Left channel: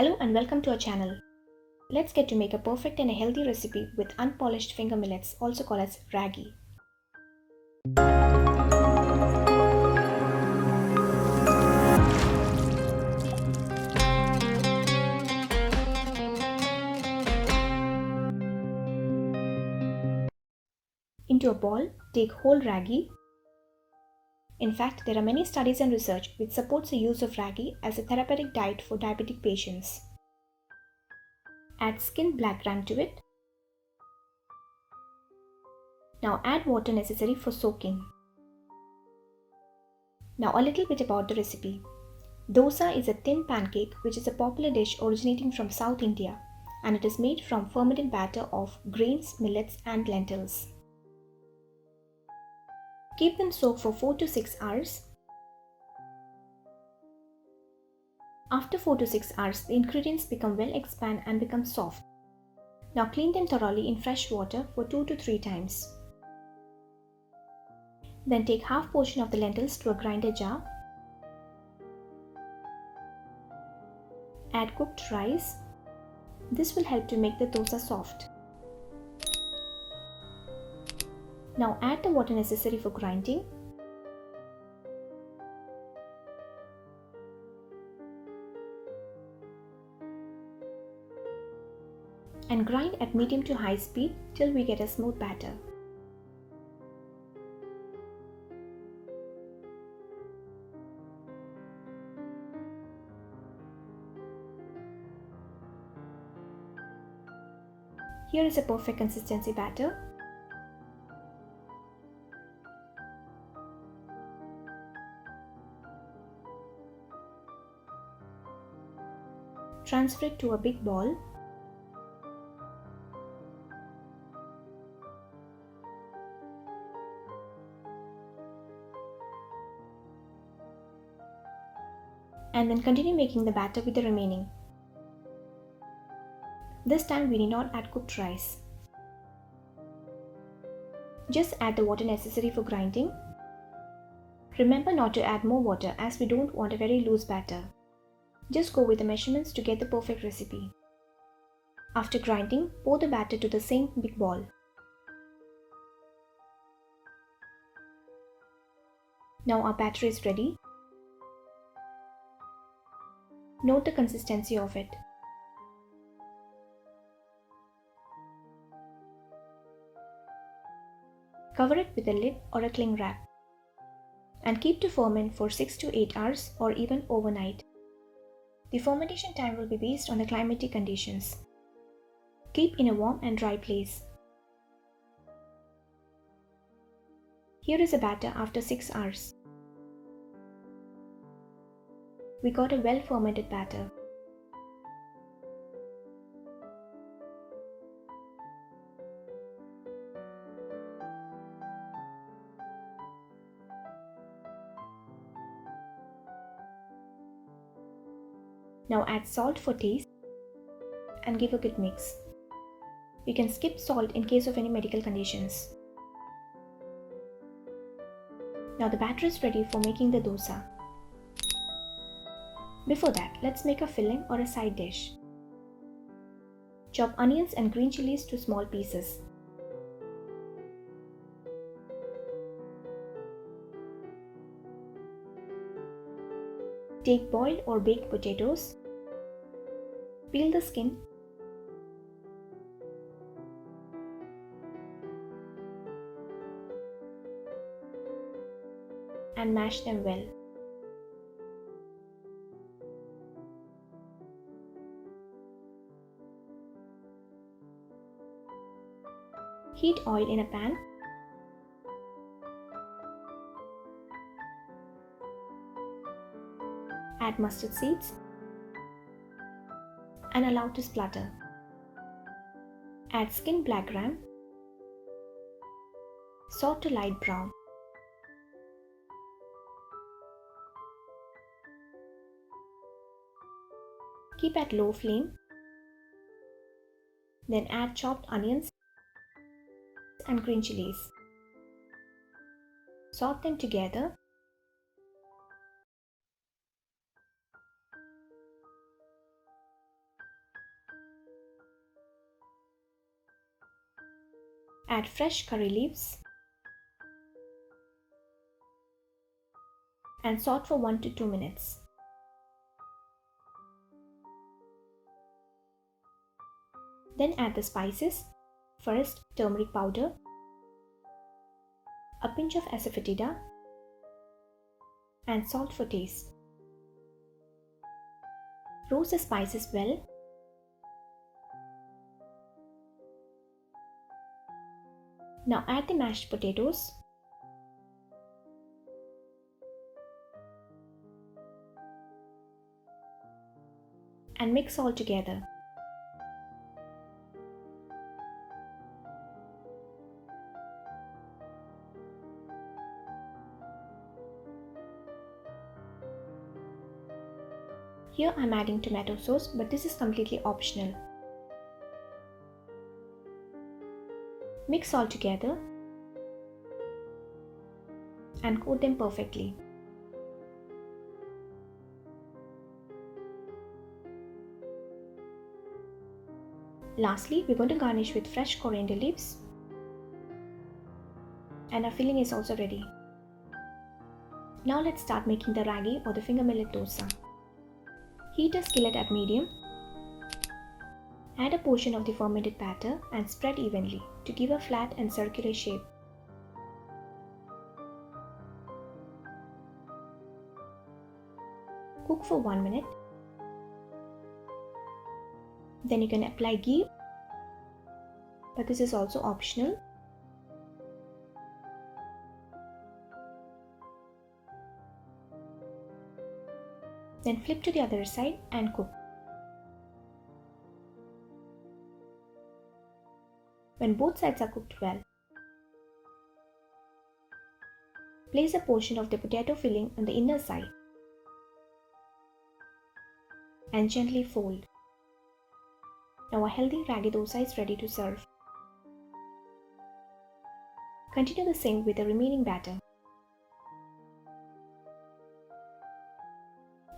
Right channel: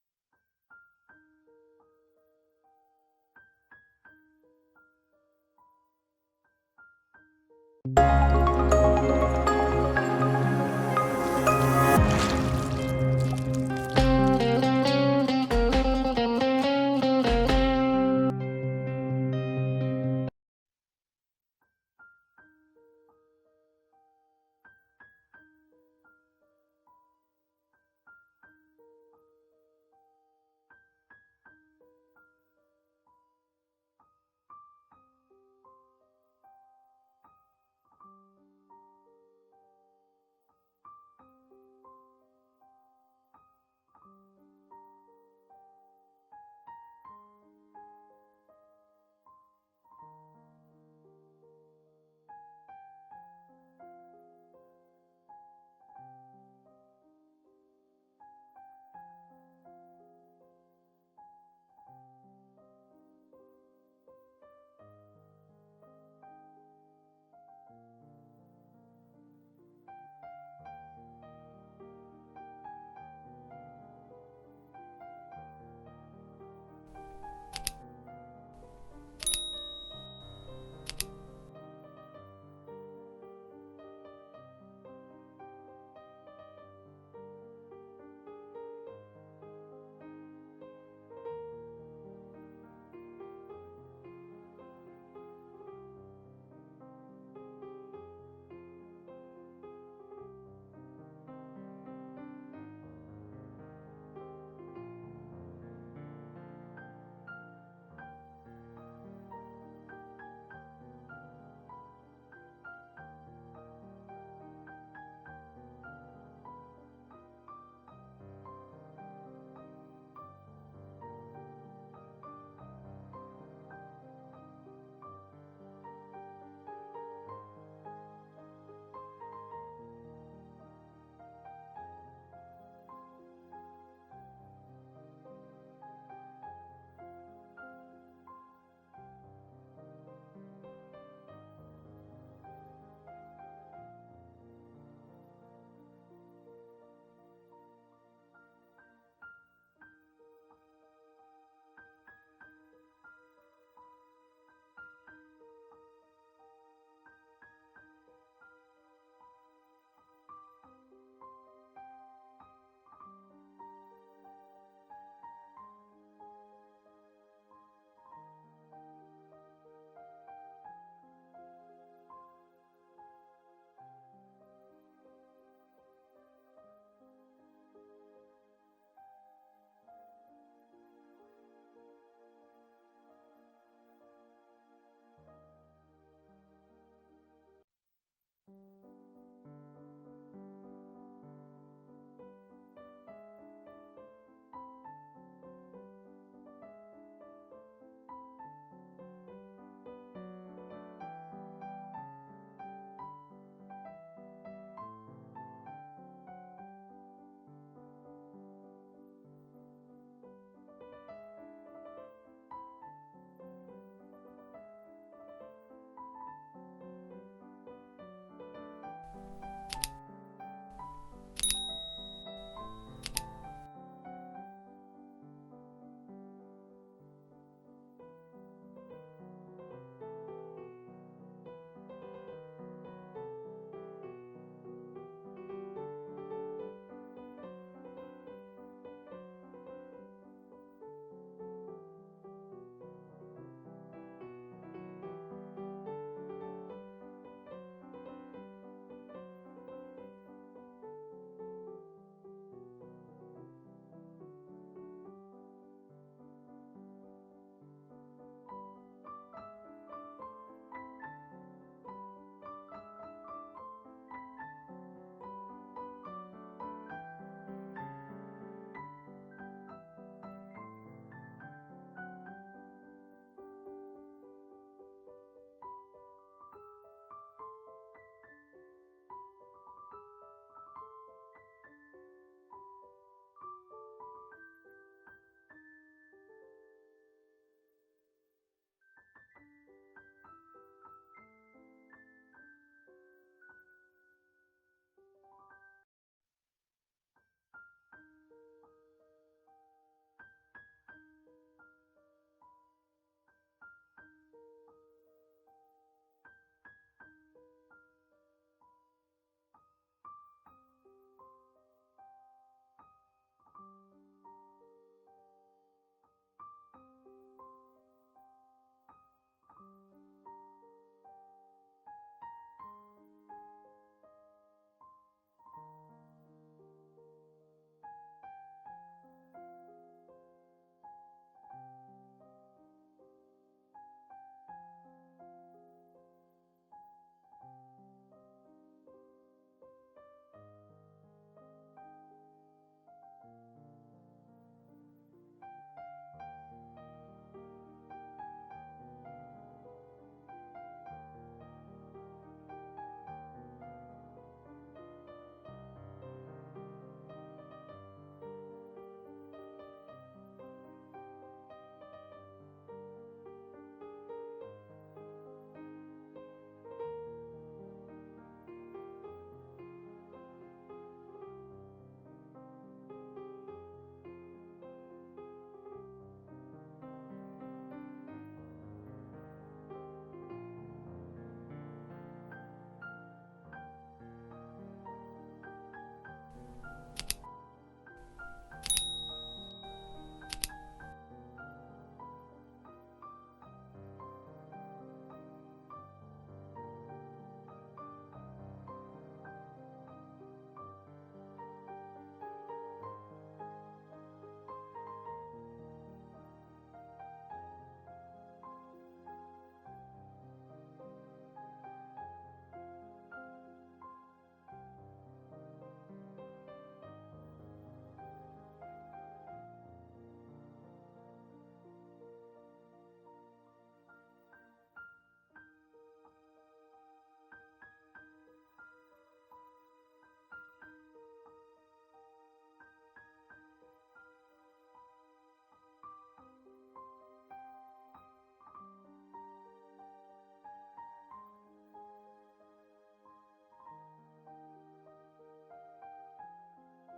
Hello and welcome to our channel. Let's get to make a perfect and a healthy recipe with unpolished finger millets, also called as ragi. Into a bowl, take whole ragi. In fact, there are many studies and research which supports the use of ragi as a therapeutic diet for diabetic patients. Add skinned black gram to it. Now add water necessary for soaking. Now a little bit about the recipe. Dosa is a thin pancake which is a popular dish originating from South India, and it is made from fermented batter of grains, millets and lentils. Keep them soaked for 4 to 6 hours. After 4 to 6 hours, the ingredients become well expand and become soft. Now clean them thoroughly in fresh water for 2 to 3 times. Then take half portion of the lentils to a grinder jar. Add cooked rice. This will help to make the dosa soft. Now add the water necessary for grinding. And grind at medium to high speed till we get a smooth batter. Here is a perfect consistency batter. Transfer it to a big bowl. And then continue making the batter with the remaining. This time we need not add cooked rice. Just add the water necessary for grinding. Remember not to add more water as we don't want a very loose batter. Just go with the measurements to get the perfect recipe. After grinding, pour the batter to the same big bowl. Now our batter is ready. Note the consistency of it. Cover it with a lid or a cling wrap and keep to ferment for 6 to 8 hours or even overnight. The fermentation time will be based on the climatic conditions. Keep in a warm and dry place. Here is a batter after 6 hours. We got a well fermented batter. Now add salt for taste and give a good mix. You can skip salt in case of any medical conditions. Now the batter is ready for making the dosa. Before that, let's make a filling or a side dish. Chop onions and green chilies to small pieces. Take boiled or baked potatoes. Peel the skin. And mash them well. Heat oil in a pan. Add mustard seeds and allow to splutter. Add skinned black gram. Saute to light brown. Keep at low flame. Then add chopped onions and green chilies. Saute them together. Add fresh curry leaves and saute for 1 to 2 minutes. Then add the spices. First, turmeric powder, a pinch of asafoetida, and salt for taste. Roast the spices well. Now add the mashed potatoes. And mix all together. Here I am adding tomato sauce, but this is completely optional. Mix all together and coat them perfectly. Lastly, we're going to garnish with fresh coriander leaves, and our filling is also ready. Now let's start making the ragi or the finger millet dosa. Heat a skillet at medium. Add a portion of the fermented batter and spread evenly to give a flat and circular shape. Cook for 1 minute. Then you can apply ghee, but this is also optional. Then flip to the other side and cook. When both sides are cooked well, place a portion of the potato filling on the inner side and gently fold. Now a healthy ragi dosa is ready to serve. Continue the same with the remaining batter.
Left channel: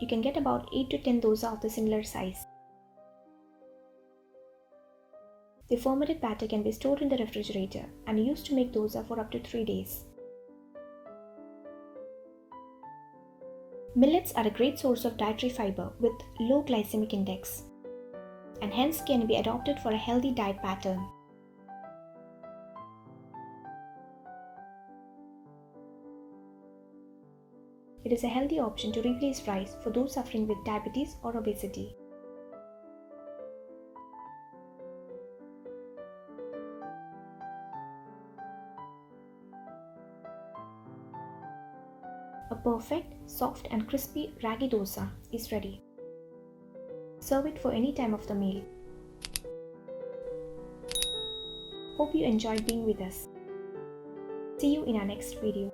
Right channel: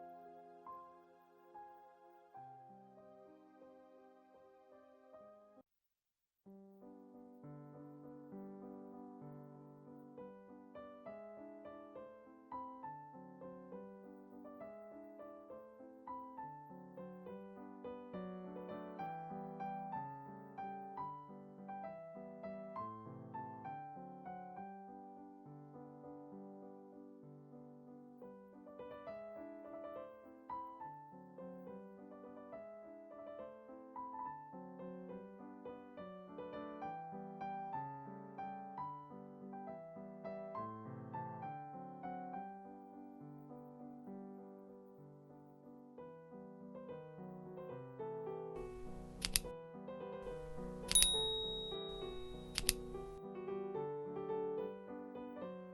You can get about 8 to 10 dosa of the similar size. The fermented batter can be stored in the refrigerator and used to make dosa for up to 3 days. Millets are a great source of dietary fiber with low glycemic index, and hence can be adopted for a healthy diet pattern. It is a healthy option to replace rice for those suffering with diabetes or obesity. A perfect, soft and crispy ragi dosa is ready. Serve it for any time of the meal. Hope you enjoyed being with us. See you in our next video.